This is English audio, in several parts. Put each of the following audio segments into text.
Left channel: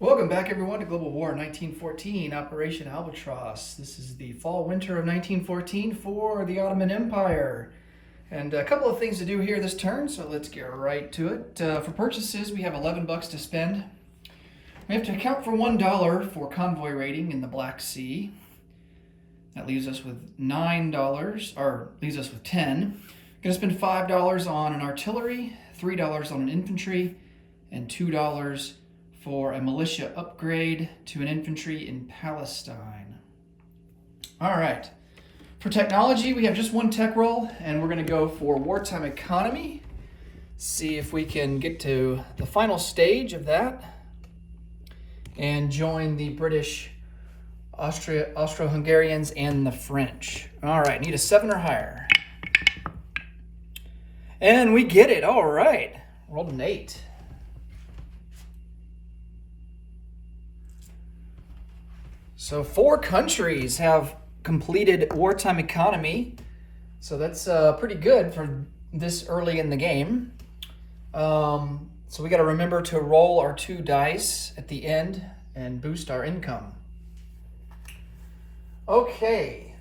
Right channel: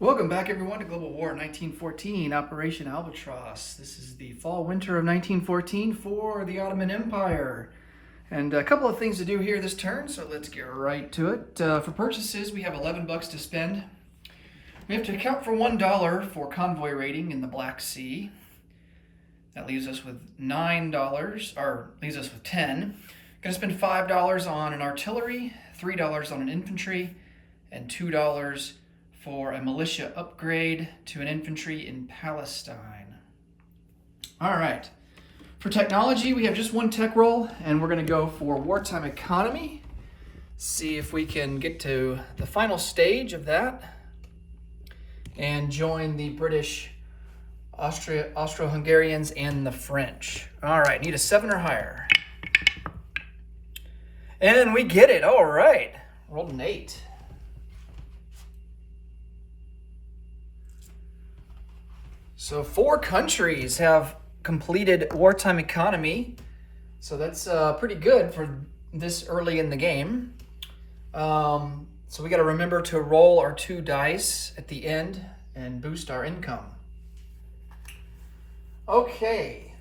Welcome back, everyone, to Global War 1914, Operation Albatross. This is the fall-winter of 1914 for the Ottoman Empire. And a couple of things to do here this turn, so let's get right to it. For purchases, we have 11 bucks to spend. We have to account for $1 for convoy raiding in the Black Sea. That leaves us with $9, or leaves us with 10. Gonna spend $5 on an artillery, $3 on an infantry, and $2 for a militia upgrade to an infantry in Palestine. All right. For technology, we have just one tech roll, and we're going to go for wartime economy. See if we can get to the final stage of that and join the British, Austro-Hungarians, and the French. All right, need a 7 or higher. And we get it. All right. Rolled an 8. So 4 countries have completed wartime economy. So that's pretty good for this early in the game. So we got to remember to roll our 2 dice at the end and boost our income. Okay.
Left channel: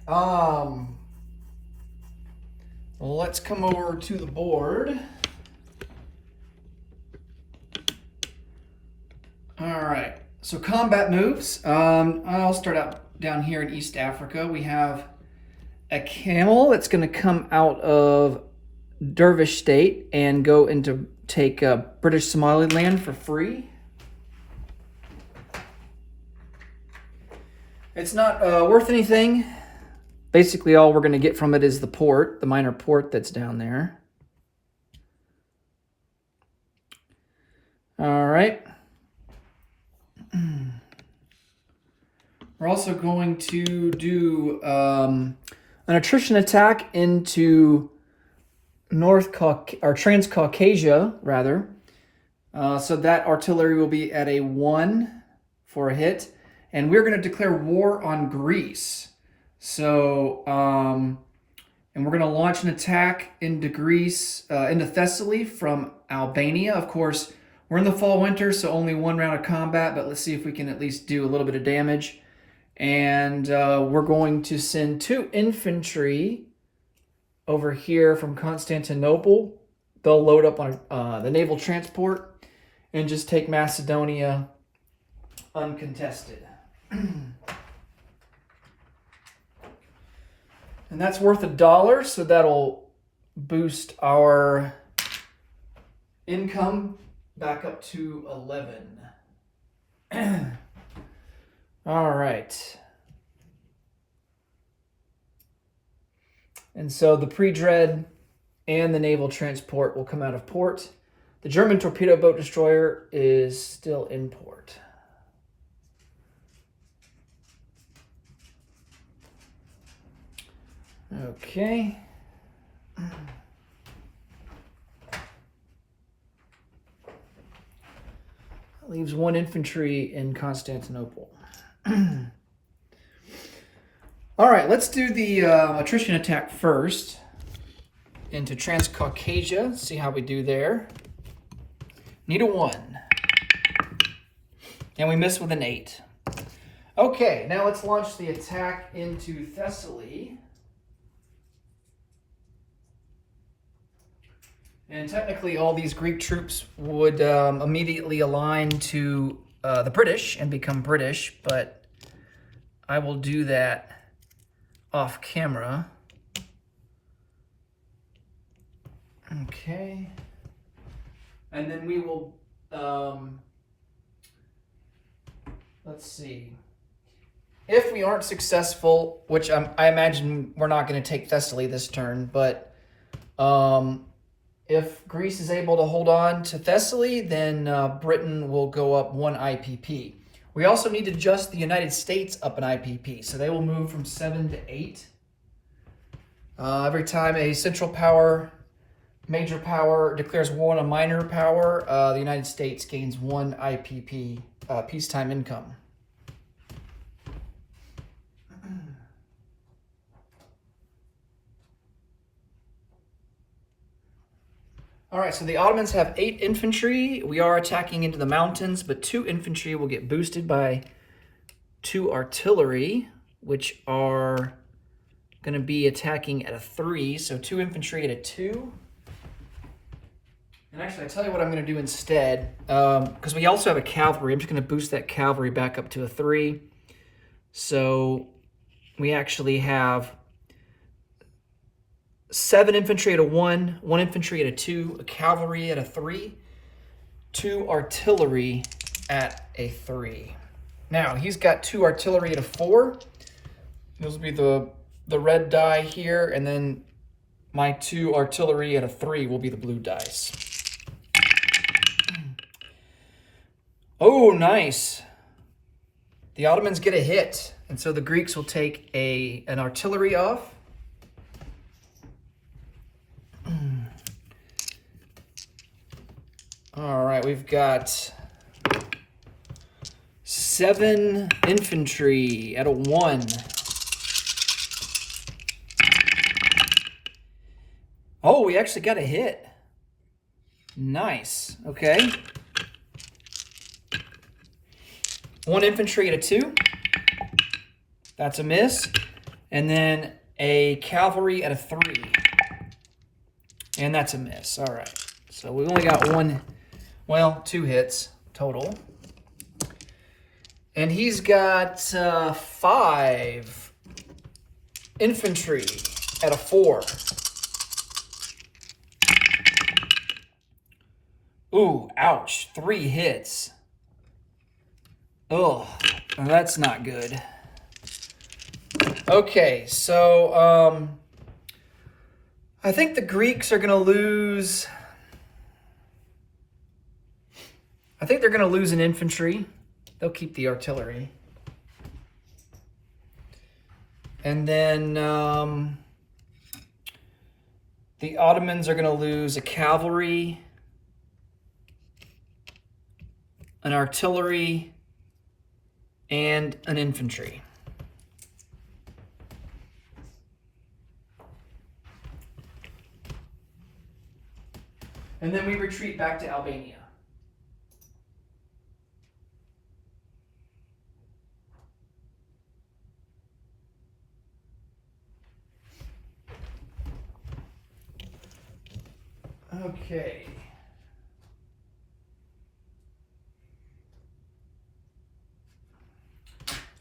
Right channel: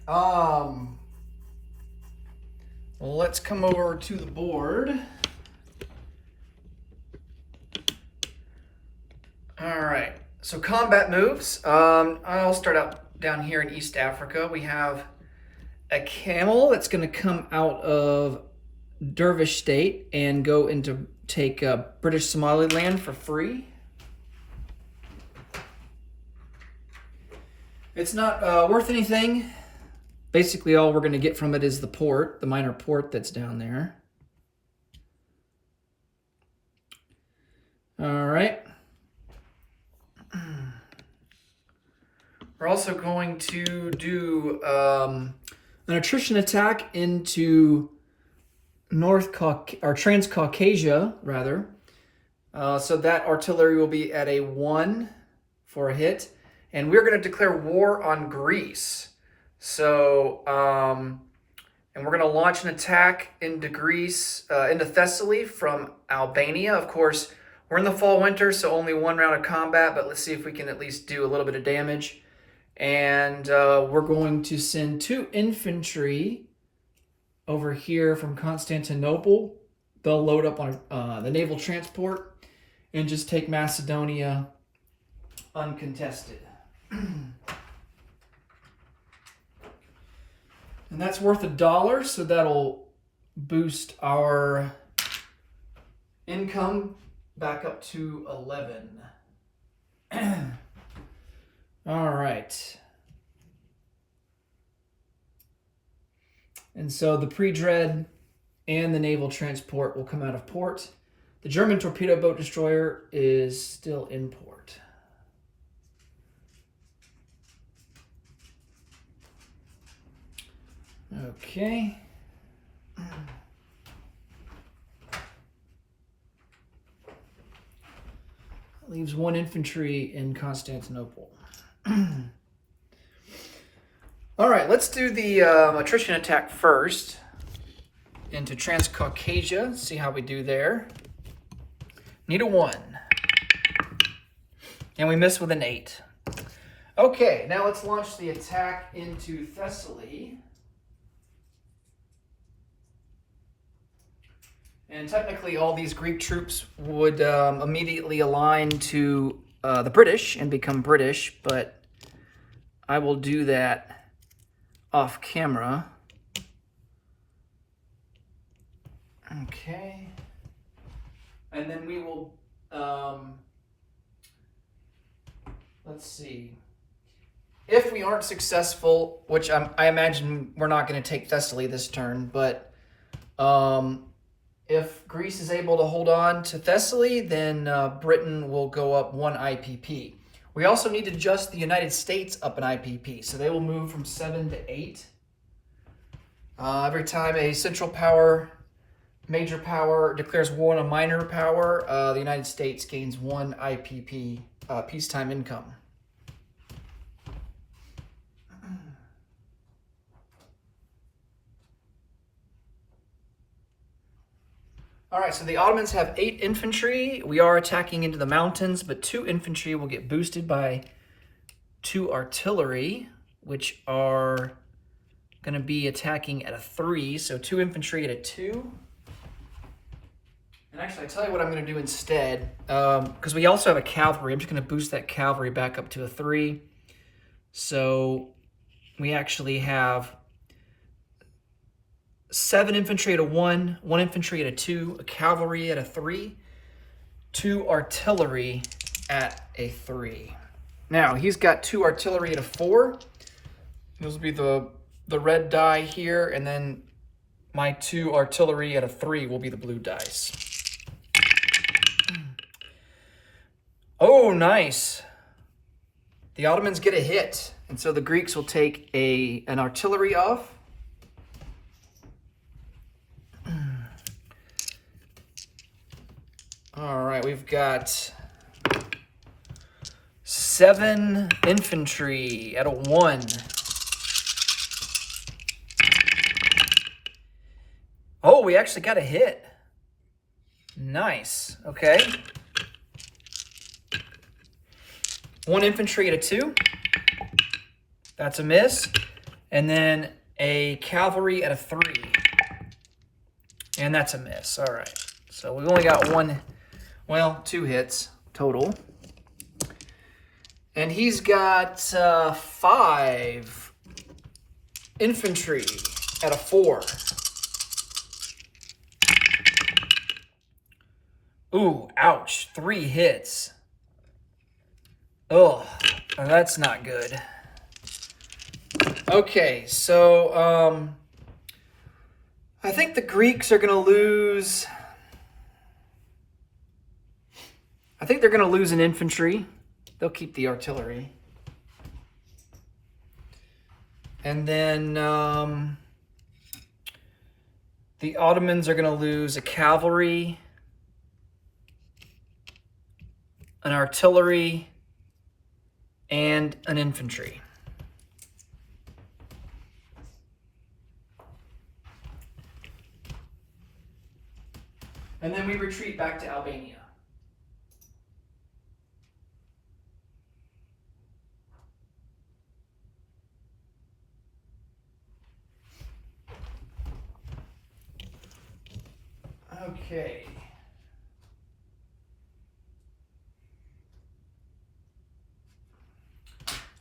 Let's come over to the board. All right. So combat moves. I'll start out down here in East Africa. We have a camel that's going to come out of Dervish State and go into take British Somaliland for free. It's not worth anything. Basically, all we're going to get from it is the port, the minor port that's down there. All right. We're also going to do an attrition attack into Transcaucasia, rather. So that artillery will be at a 1 for a hit. And we're going to declare war on Greece. So, and we're going to launch an attack into Greece, into Thessaly from Albania. Of course, we're in the fall-winter, so only 1 round of combat, but let's see if we can at least do a little bit of damage. And we're going to send 2 infantry over here from Constantinople. They'll load up on the naval transport and just take Macedonia uncontested. And that's worth $1, so that'll boost our income back up to 11. All right. And so the pre-dread and the naval transport will come out of port. The German torpedo boat destroyer is still in port. Okay. That leaves 1 infantry in Constantinople. All right, let's do the attrition attack first into Transcaucasia. See how we do there. Need a 1. And we miss with an 8. Okay, now let's launch the attack into Thessaly. And technically, all these Greek troops would immediately align to the British and become British, but I will do that off camera. Okay. And then we will, let's see. If we aren't successful, which I imagine we're not going to take Thessaly this turn, but if Greece is able to hold on to Thessaly, then Britain will go up 1 IPP. We also need to adjust the United States up an IPP, so they will move from 7 to 8. Every time a central power, major power, declares war on a minor power, the United States gains 1 IPP, peacetime income. All right, so the Ottomans have 8 infantry. We are attacking into the mountains, but 2 infantry will get boosted by 2 artillery, which are going to be attacking at a 3. So 2 infantry at a 2. And actually, I'll tell you what I'm going to do instead. Because we also have a cavalry. I'm just going to boost that cavalry back up to a 3. So we actually have 7 infantry at a 1, 1 infantry at a 2, a cavalry at a 3, 2 artillery at a 3. Now, he's got 2 artillery at a 4. Those will be the red die here, and then my 2 artillery at a 3 will be the blue dice. Oh, nice. The Ottomans get a hit, and so the Greeks will take an artillery off. All right, we've got 7 infantry at a 1. Oh, we actually got a hit. Nice. Okay. 1 infantry at a 2. That's a miss. And then a cavalry at a 3. And that's a miss. All right. So we've only got 2 hits total. And he's got 5 infantry at a 4. Ooh, ouch. 3 hits. Oh, that's not good. Okay, so I think the Greeks are going to lose. I think they're going to lose an infantry. They'll keep the artillery. And then the Ottomans are going to lose a cavalry, an artillery, and an infantry. And then we retreat back to Albania. Okay.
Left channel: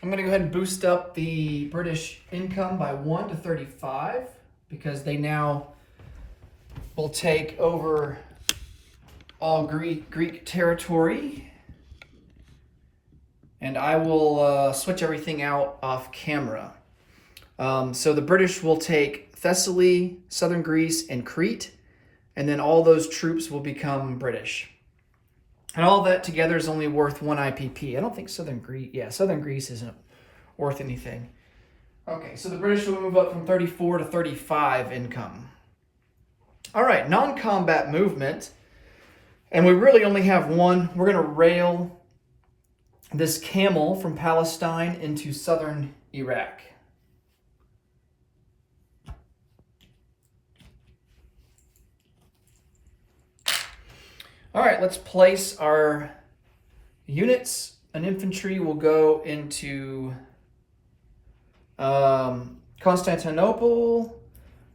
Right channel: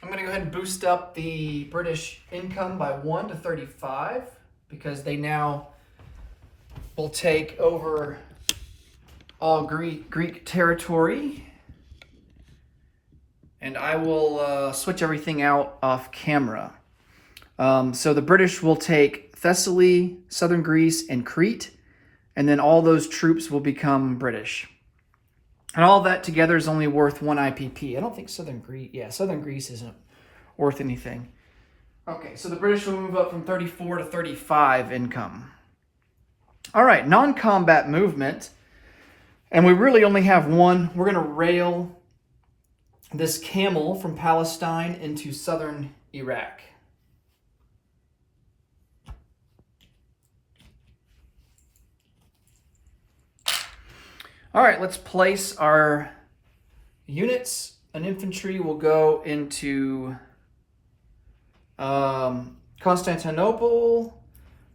I'm going to go ahead and boost up the British income by 1 to 35 because they now will take over all Greek territory. And I will switch everything out off camera. So the British will take Thessaly, southern Greece, and Crete, and then all those troops will become British. And all that together is only worth 1 IPP. I don't think southern Greece isn't worth anything. Okay, so the British will move up from 34 to 35 income. All right, non-combat movement. And we really only have one. We're going to rail this camel from Palestine into southern Iraq. All right, let's place our units. An infantry will go into Constantinople.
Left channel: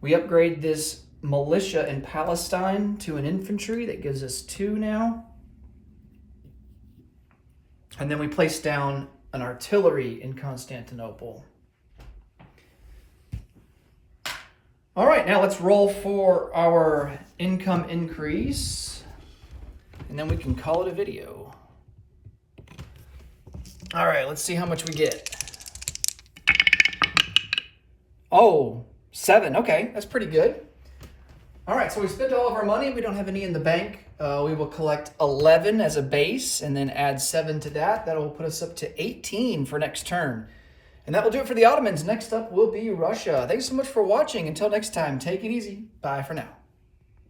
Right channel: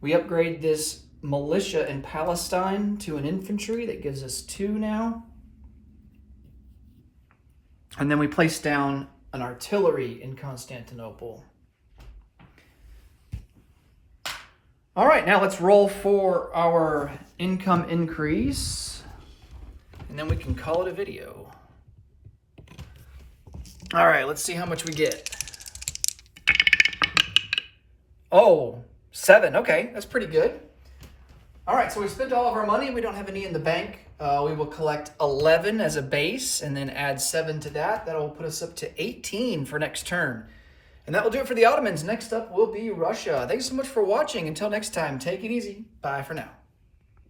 We upgrade this militia in Palestine to an infantry. That gives us 2 now. And then we place down an artillery in Constantinople. All right, now let's roll for our income increase. And then we can call it a video. All right, let's see how much we get. Oh, 7. Okay, that's pretty good. All right, so we spent all of our money. We don't have any in the bank. We will collect 11 as a base and then add 7 to that. That will put us up to 18 for next turn. And that will do it for the Ottomans. Next up will be Russia. Thanks so much for watching. Until next time, take it easy. Bye for now.